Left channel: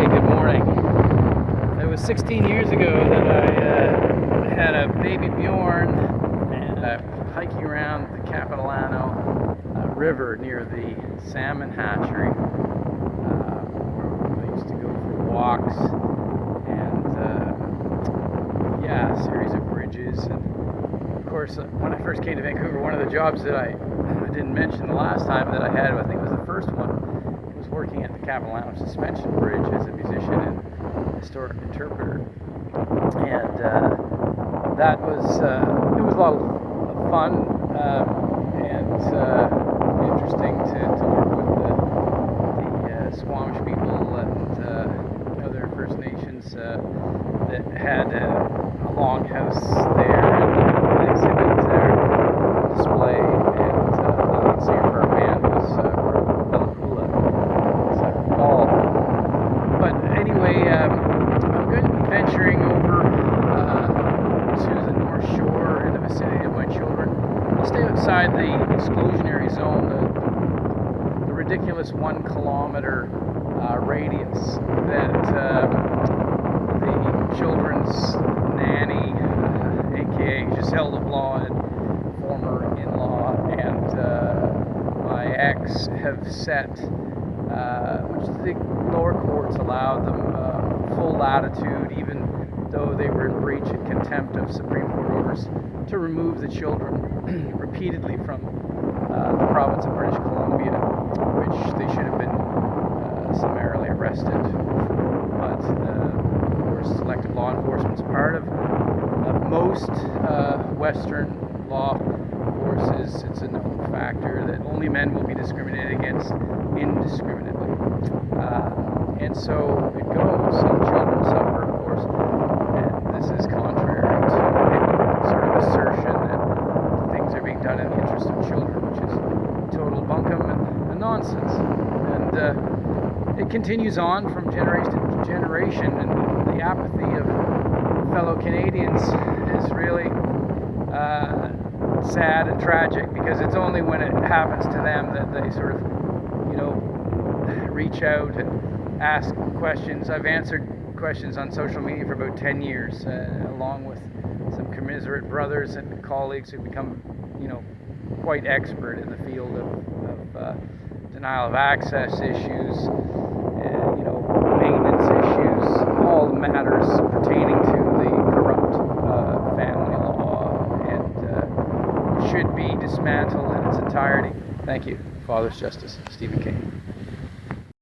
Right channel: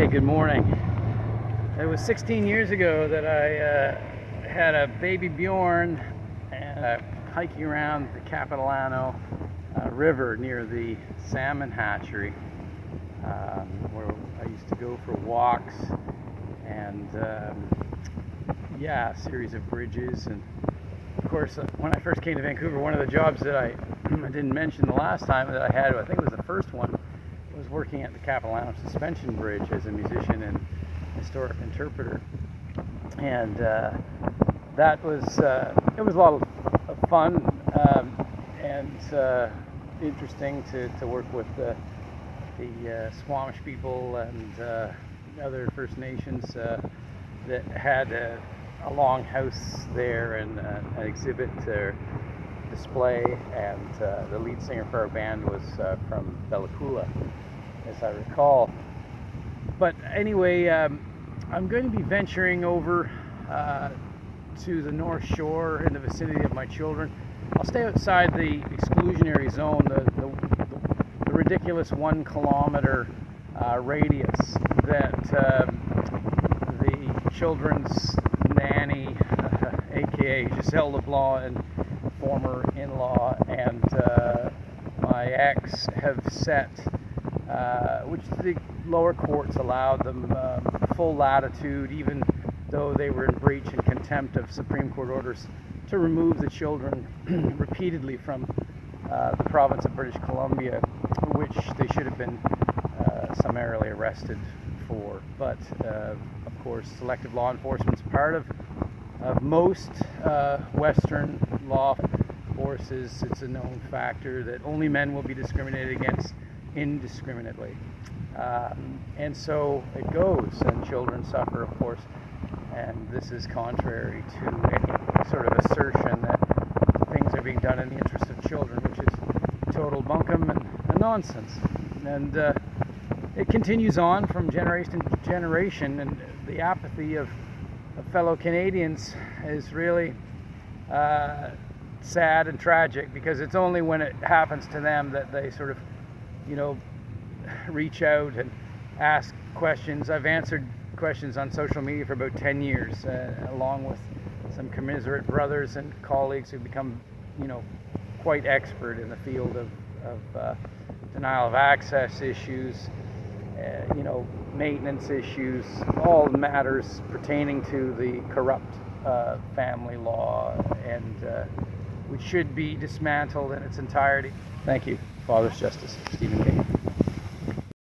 Hey, good morning. It was 16 years ago that I had a baby Bjorn and hiking around the Capilano River near the salmon hatchery, where I used to go for walks and a series of bridges. And of course, when I first came to Vancouver, one of the jobs that I didn't mention the last time that I had, I think it was the first one, was working at the Capilano Suspension Bridge as a musician and historic interpreter. And that was it was a lot of fun and interesting to work with the Squamish people and other First Nations that had a longhouse there and an exhibit there, display, and the lead singer for our band was from Bellicoola, as I recall. But anyway, I'm going to be venturing over to the North Shore in the vicinity of my children. I'll stay outside the exclusionary zone, the ridiculous 1 kilometer radius that the children's nanny, aka Giselle LeBlanc, and former in-law, and my ex have set, which the lower courts allowed them full latitude, even though they were in breach and contempt of Supreme Court orders to remove the children repeatedly from the province of British Columbia, which they should have been summarily arrested for. But of course, selective law enforcement is part of most Western law forces. It's a known factor that only men will be discriminated against indiscriminately. And so it goes. Some children suffer, of course, and this is contrary to any sort of assertion that things are being done in the interest of children, which is total bunkum and nonsense. And it continues on from generation to generation, and the apathy of fellow Canadians is really sad and tragic, because it's only when it happens to them that they sort of, reach out and ask questions. I've answered questions on social media for about 10 years, along with some commiserate brothers and colleagues who've become, quite expert in the field of denial of access issues, maintenance issues, all matters pertaining to the corrupt family law, and should be dismantled in its entirety. Thank you. Father's Justice, Stephen King.